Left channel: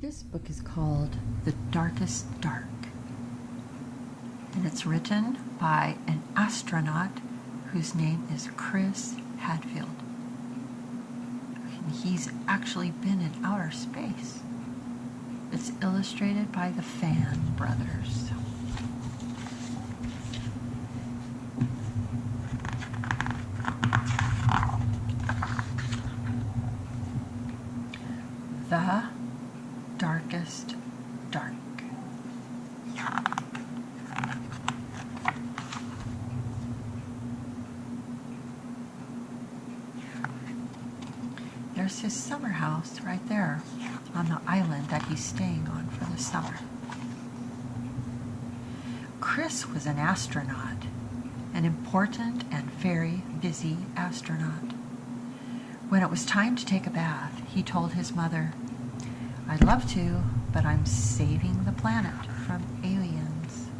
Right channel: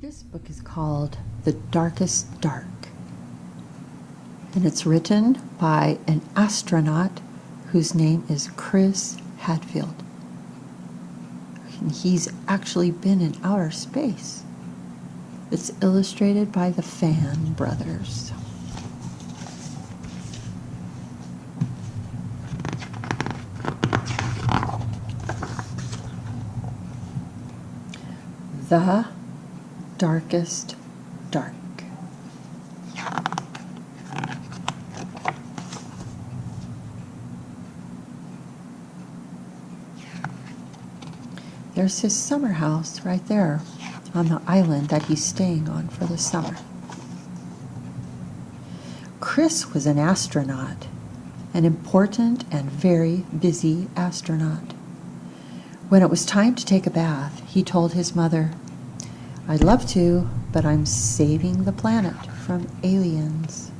This book is called The Darkest Dark, and it's written by an astronaut whose name is Chris Hadfield. And he's actually been in outer space. It's illustrated by the Fan brothers. The Darkest Dark. There's his summer house right there on the island that he's staying on for the summer. Chris was an astronaut, an important and very busy astronaut. When it was time to take a bath, he told his mother, "I'd love to, but I'm saving the planet from aliens."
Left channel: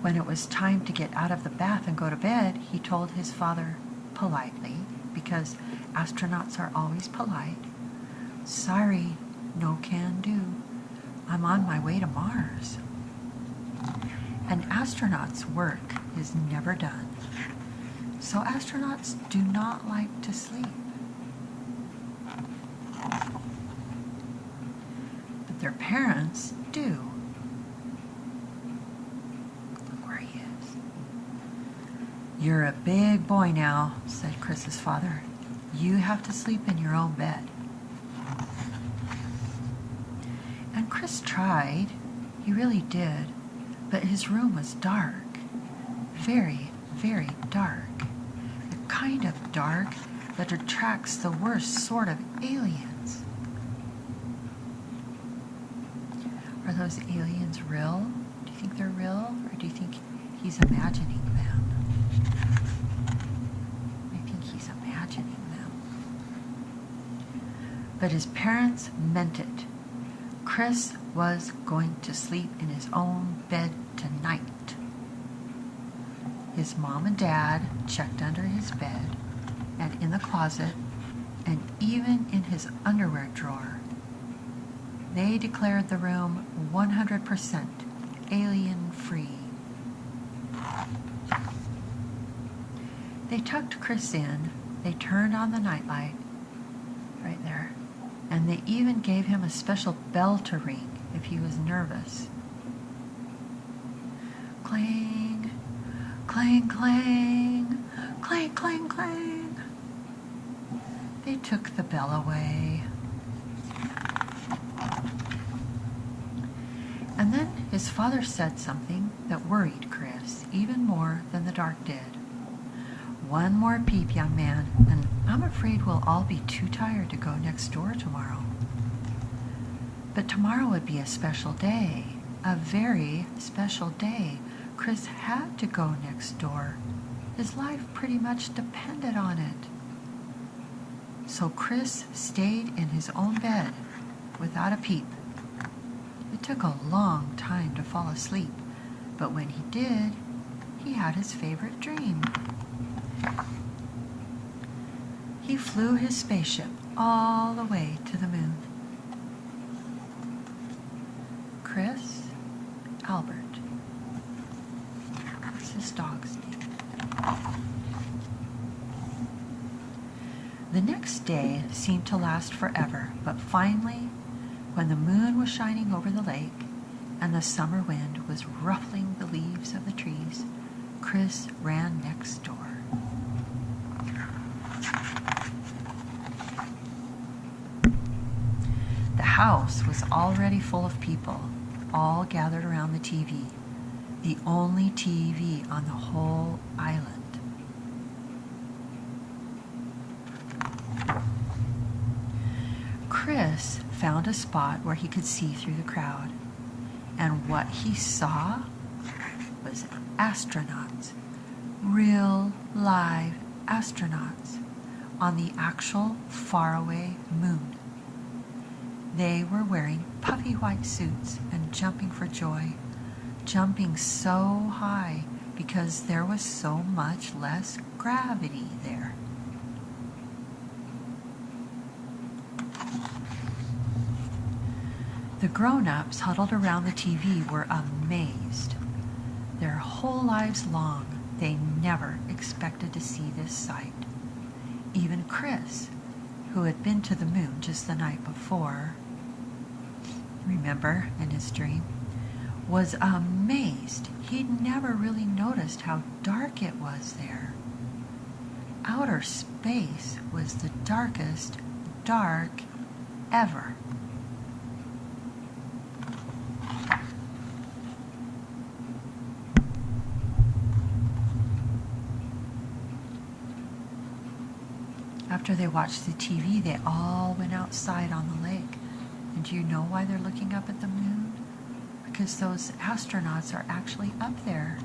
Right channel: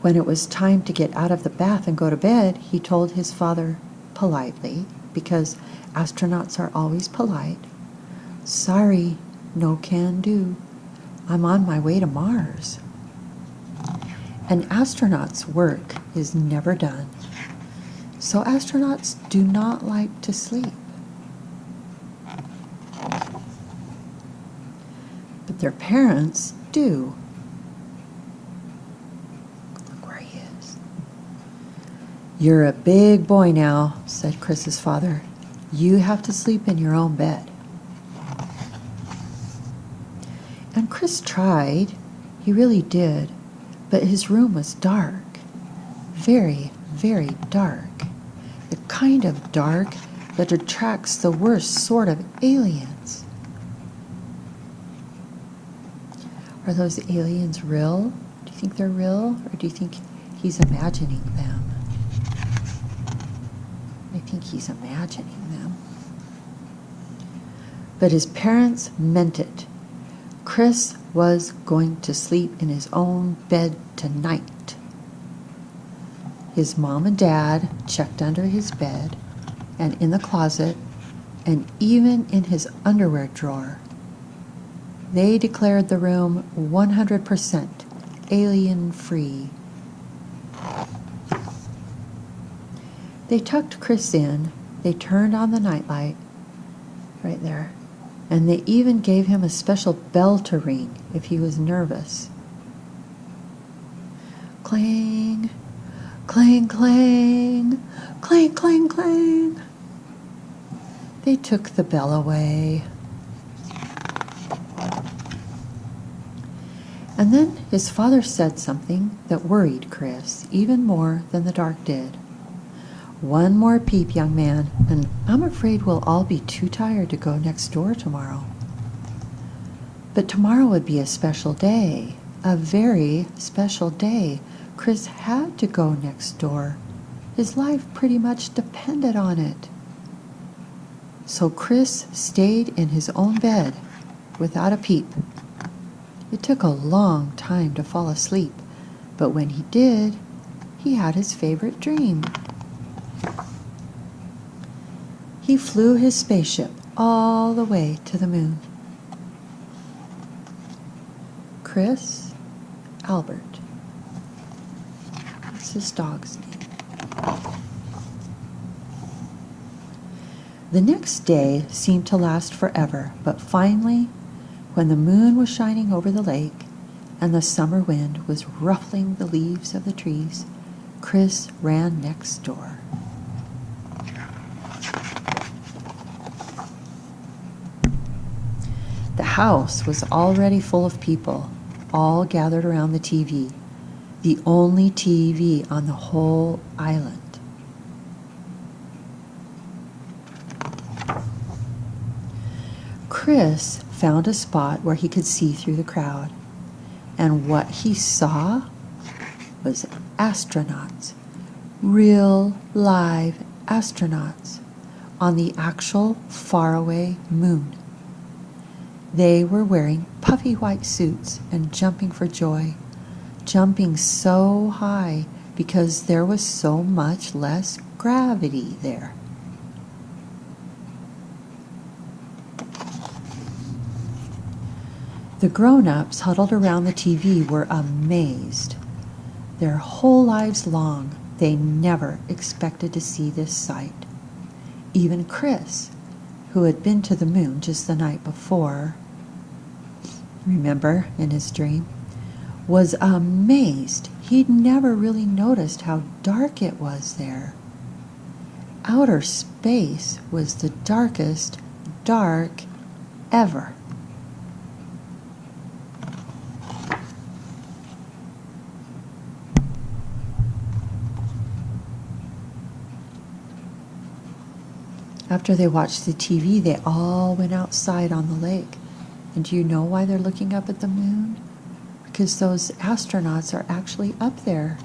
When it was time to get out of the bath and go to bed, he told his father politely, because astronauts are always polite, "Sorry, no can do. I'm on my way to Mars." An astronaut's work is never done, so astronauts do not like to sleep. But their parents do. Look where he is. "You're a big boy now," said Chris's father. "You have to sleep in your own bed." And Chris tried. He really did. But his room was dark. Very, very dark. The kind of dark that attracts the worst sort of aliens. Are those aliens real? Do you think they're real? Or do you think he's imagining them? I think he's imagining them. But his parents meant it. Chris was going to sleep in his own bed tonight. His mom and dad checked under his bed and in the closet and even in his underwear drawer. They declared the room 100% alien-free. They tucked Chris in. They turned on the nightlight right there. And they even gave him a special bell to ring if he was nervous. Clang, clang, clang, clang, clang, clang. They took the bell away. And then his father said something that worried Chris even more than the dark did. "One more peep, young man, and I'm afraid we'll all be too tired to go next door tomorrow." But tomorrow would be a special day, a very special day. Chris had to go next door. His life pretty much depended on it. So Chris stayed in his own bed without a peep. It took a long time to fall asleep, but when he did, he had his favorite dream. He flew his spaceship all the way to the moon. Chris Albert. That's his dog's name. The next day seemed to last forever, but finally, when the moon was shining over the lake and the summer wind was ruffling the leaves of the trees, Chris ran next door. The house was already full of people, all gathered around the TV, the only TV on the whole island. Chris found a spot where he could see through the crowd, and what he saw was astronauts, real live astronauts, on the actual faraway moon. They were wearing puffy white suits and jumping for joy, jumping so high because there was so much less gravity there. The grown-ups huddled around the TV were amazed. Their whole lives long, they never expected to see this sight. Even Chris, who had been to the moon just the night before, remember, in his dream, was amazed. He'd never really noticed how dark it was there. Outer space was the darkest dark ever. After they watched the TV, they all went outside on the lake. And do you know why they're looking up at the moon? Because those astronauts are actually up there,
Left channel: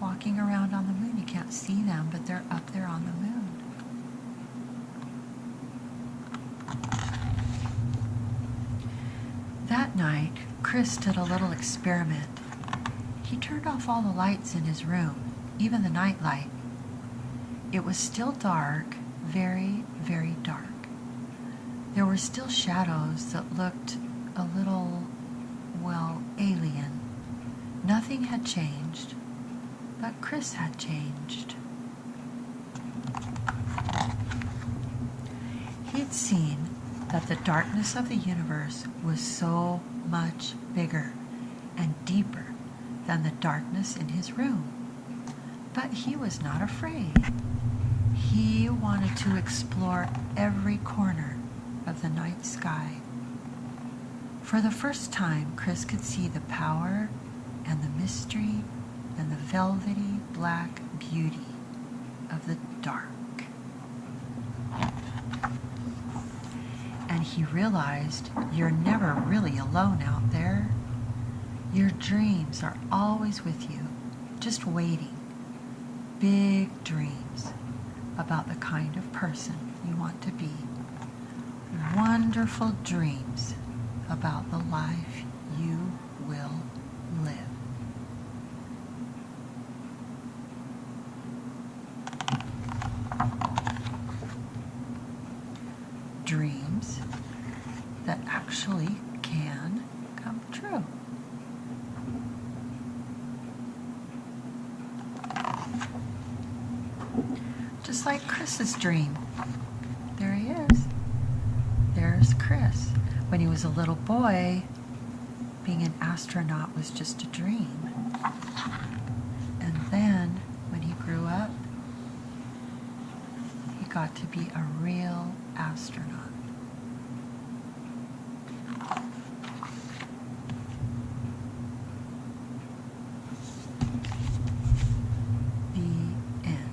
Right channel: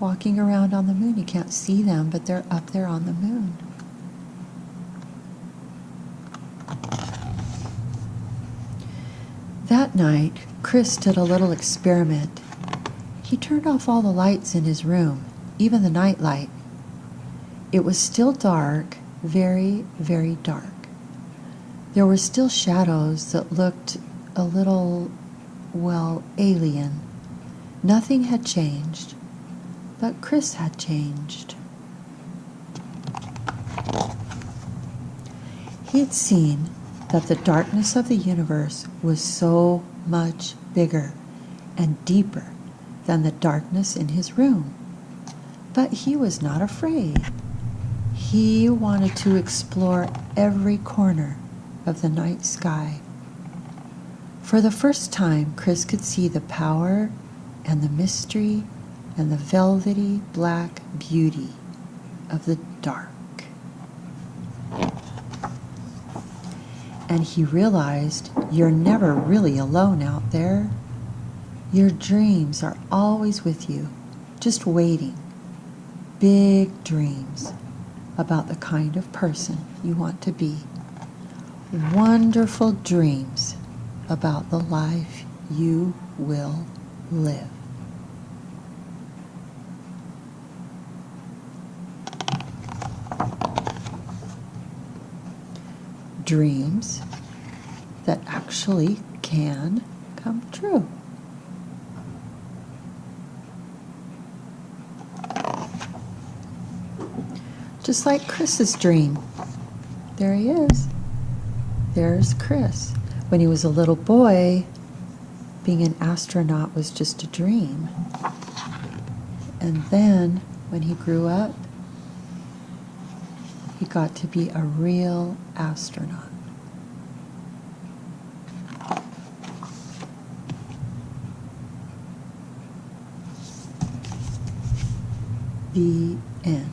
walking around on the moon. You can't see them, but they're up there on the moon. That night, Chris did a little experiment. He turned off all the lights in his room, even the night light. It was still dark, very, very dark. There were still shadows that looked a little, well, alien. Nothing had changed, but Chris had changed. He'd seen that the darkness of the universe was so much bigger and deeper than the darkness in his room. But he was not afraid. He wanted to explore every corner of the night sky. For the first time, Chris could see the power and the mystery and the velvety black beauty of the dark. And he realized you're never really alone out there. Your dreams are always with you, just waiting. Big dreams about the kind of person you want to be. Wonderful dreams about the life you will live. Dreams that actually can come true. Just like Chris's dream. There he is. There's Chris. When he was a little boy, being an astronaut was just a dream. And then, when he grew up, he got to be a real astronaut. The end.